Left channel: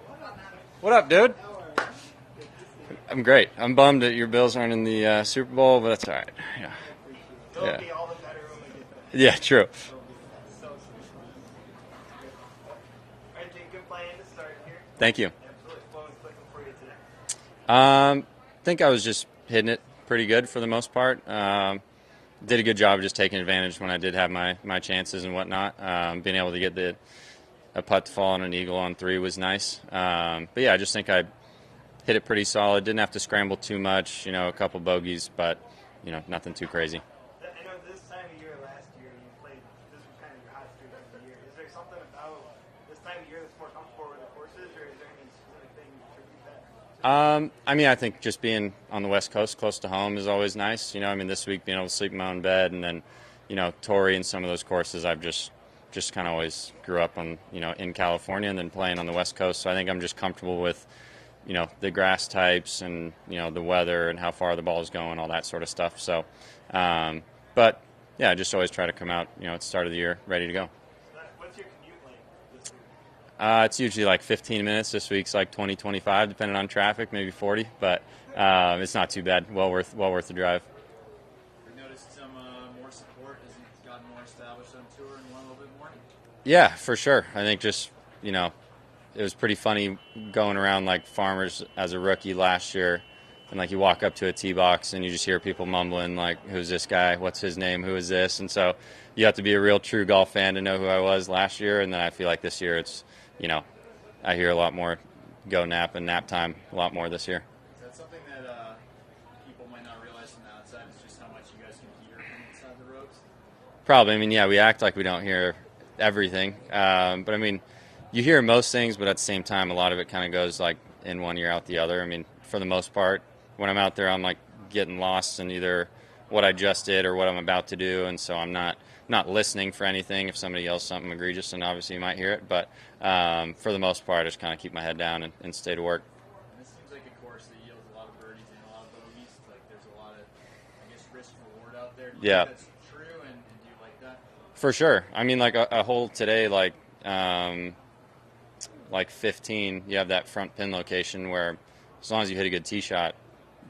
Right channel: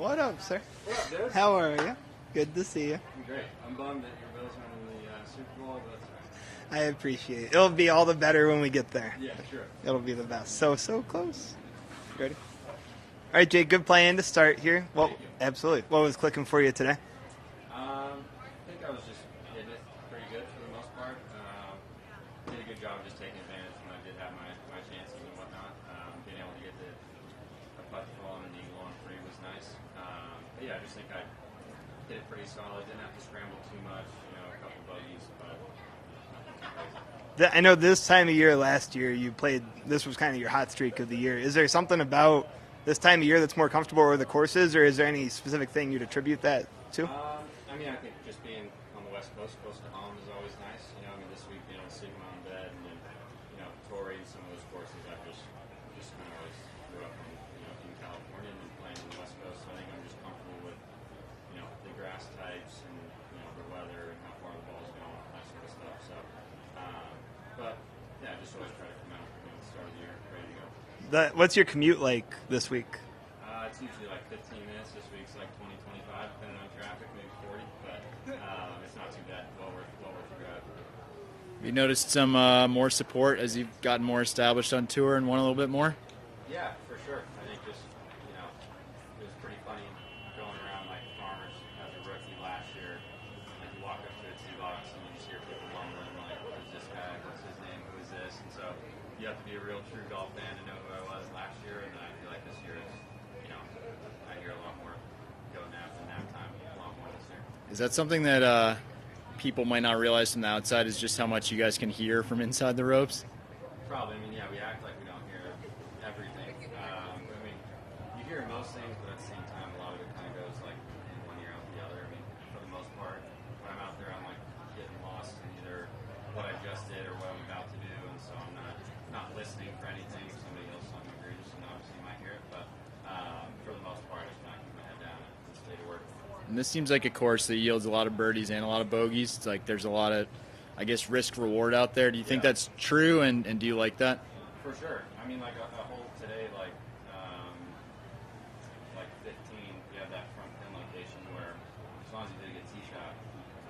What up, sir? What up, dude? How are you? Good to see you. I'm great. I'm bummed that your Bills aren't in the Super Bowl, but that's all right. Yeah, I appreciate it. It'll be all the better when we get there. yeah, true. It'll be the best. So close. Ready? All right, Jake, good plan to start here. Well, Thank you. Absolutely. What was clicking for you today? I think I was just hitting it pretty good for the most part. Did a good job of just taking advantage when I did have my chances and whatnot. Being able to get a putt to fall on an eagle on 3 was nice. But yeah, I just think I hit it pretty solid. Didn't have to scramble too much, a couple bogeys, but, nothing too crazy. I know this time of year last year you played, this was kind of your hot streak of the year. Is there something about this time of year that's more comfortable with the courses, or is there any specific thing you'd attribute that to? I think just being on the West Coast close to home is always nice. This week being able to sleep in my own bed, and then, Torrey and some of those courses I've just kind of always grew up on, in California and then playing on the West Coast. So I think I'm just comfortable with, the grass types and, the weather and how far the ball is going, all that sort of stuff. So, but yeah, I just always try to come out, at the start of the year ready to go. What's your commute like this week? It's usually like 15 minutes. This week's like 20, 25, depending on traffic, maybe 40, but it's not too bad. Well worth the drive. You noticed some more support as you've gotten more established on tour and won a little bit more? Yeah, for sure. I think just, it was pretty funny going around like Farmers as a rookie last year, and like you walk up to a tee box and you just hear people mumbling like, who's this guy? What's his name? Who is this? And so you have to be a real true golf fan to know who I was last year, and then I feel like this year it's, I hear a lot more go nap and nap time a lot more this year. Is that something that people might not realize from the outside, is just how much you guys can hear from inside the ropes? Probably. Yeah, we act like we don't hear everything. But, you hear most things, but at the same time, a lot of it kind of goes like in one ear, out the other. For the most part, when I'm out there, I'm like getting lost in either what I just did or what I'm about to do. And so I'm not listening for anything. If somebody yells something egregious, then obviously you might hear it. But for the most part, I just kind of keep my head down and stay to work. And this seems like a course that yields a lot of birdies and a lot of bogeys. It's like there's a lot of, risk reward out there. Do you think that's true, and do you like that? For sure. Like a hole today, like 15, you have that front pin location where as long as you hit a good tee shot,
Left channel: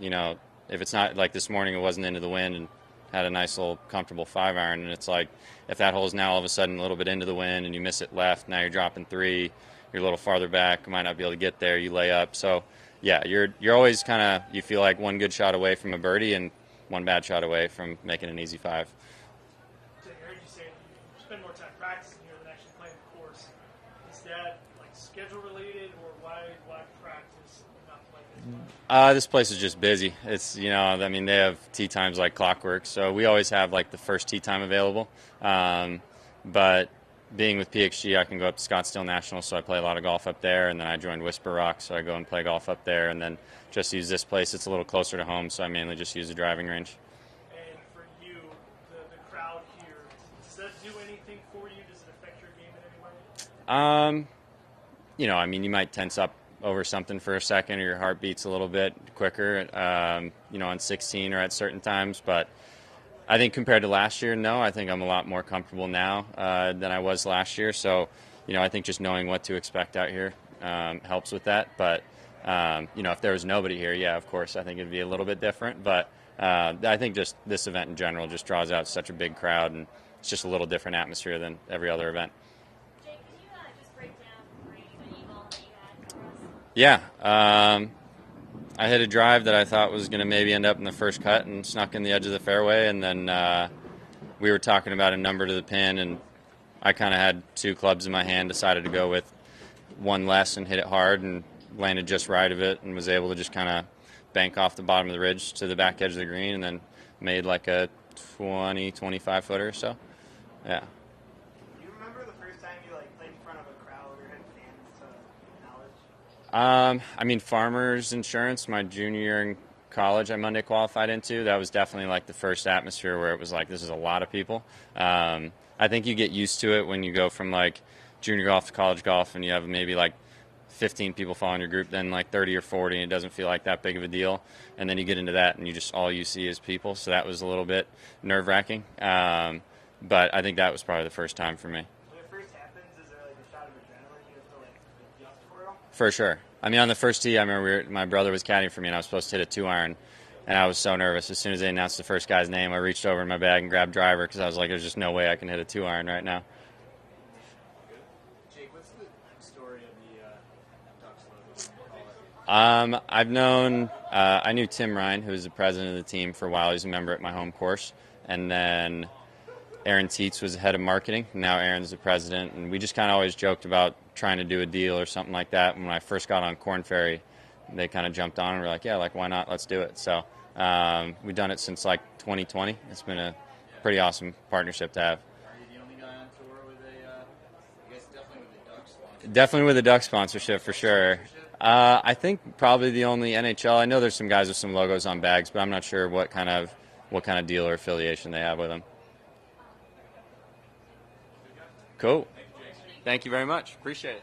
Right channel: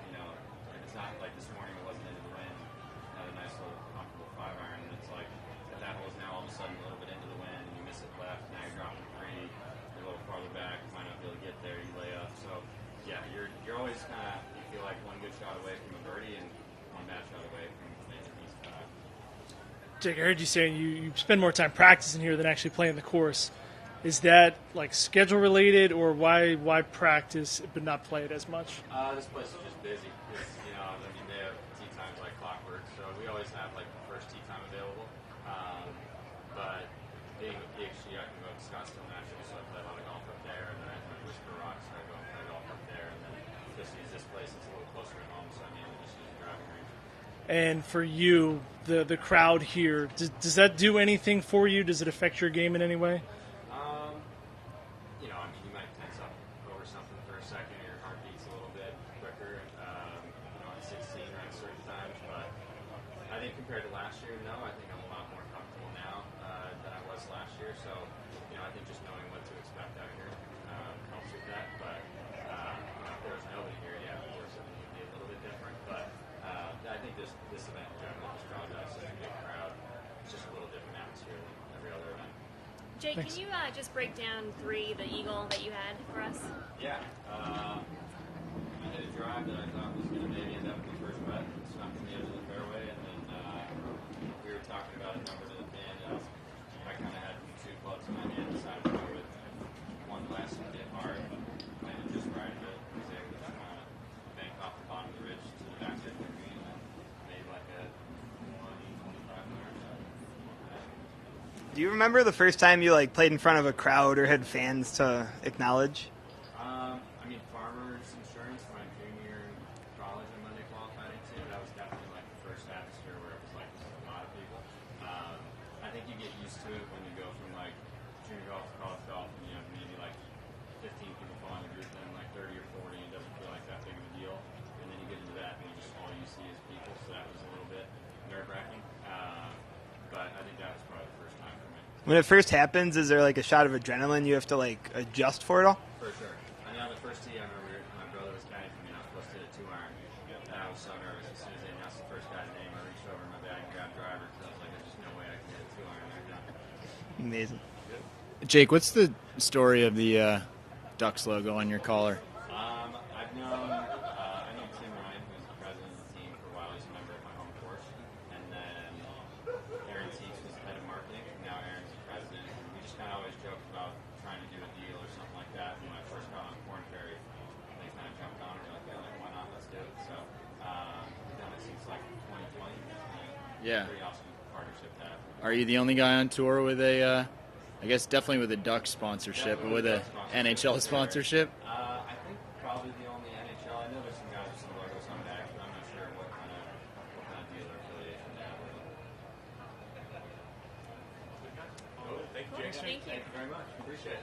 if it's not like this morning, it wasn't into the wind and had a nice little comfortable 5-iron, and it's like if that hole's now all of a sudden a little bit into the wind and you miss it left, now you're dropping 3, you're a little farther back, you might not be able to get there, you lay up. So yeah, you're always kind of, you feel like one good shot away from a birdie and one bad shot away from making an easy 5. Jake, I heard you saying you spend more time practicing here than actually playing the course. Is that like schedule related, or why practice but not play it as much? This place is just busy. It's, they have tee times like clockwork, so we always have like the first tee time available. But being with PXG, I can go up to Scottsdale National, so I play a lot of golf up there, and then I joined Whisper Rock, so I go and play golf up there, and then just use this place. It's a little closer to home, so I mainly just use the driving range. And for you, the crowd here, does that do anything for you? Does it affect your game in any way? You might tense up over something for a second, or your heart beats a little bit quicker, on 16 or at certain times. But I think compared to last year, no, I think I'm a lot more comfortable now than I was last year. So, I think just knowing what to expect out here helps with that. But, if there was nobody here, yeah, of course, I think it'd be a little bit different. But I think just this event in general just draws out such a big crowd, and it's just a little different atmosphere than every other event. Jake, can you just break down 3, the eagle that you had for us? Yeah. I hit a drive that I thought was going to maybe end up in the first cut and snuck in the edge of the fairway, and then we were talking about a number to the pin, and I kind of had 2 clubs in my hand, decided to go with one less and hit it hard, and landed just right of it, and was able to just kind of bank off the bottom of the ridge to the back edge of the green, and then made like a 20, 25 footer or so. Yeah. Do you remember the first time you played in front of a crowd or had fans to acknowledge? Farmers Insurance, my junior year in college, I Monday qualified into. That was definitely like the first atmosphere where it was like, this is a lot of people. I think you get used to it when you go from like junior golf to college golf, and you have maybe like 15 people following your group, then like 30 or 40, and it doesn't feel like that big of a deal. And then you get into that, and all you see is people. So that was a little bit nerve-wracking. but I think that was probably the first time for me. When it first happens, is there like a shot of adrenaline you have to like adjust for it all? For sure. I mean, on the first tee, I remember my brother was caddying for me, and I was supposed to hit a 2-iron, and I was so nervous. As soon as they announced the first guy's name, I reached over in my bag and grabbed driver because I was like, there's just no way I can hit a 2-iron right now. Amazing. Jake, what's the story of the Ducks logo on your collar? I knew Tim Ryan, who was the president of the team for a while. He was a member at my home course. And then Aaron Tietz was the head of marketing. Now Aaron's the president. And we just kind of always joked about trying to do a deal or something like that. When I first got on Korn Ferry, they kind of jumped on and were like, yeah, like, why not? Let's do it. So we've done it since like 2020. It's been a pretty awesome partnership to have. Are you the only guy on tour with a I guess definitely with a Duck sponsorship. Definitely with a Duck sponsorship, NHL for sure. Sponsorship? I think probably the only NHL. I know there's some guys with some logos on bags, but I'm not sure what kind of deal or affiliation they have with them. Cool. Thank you very much. Appreciate it.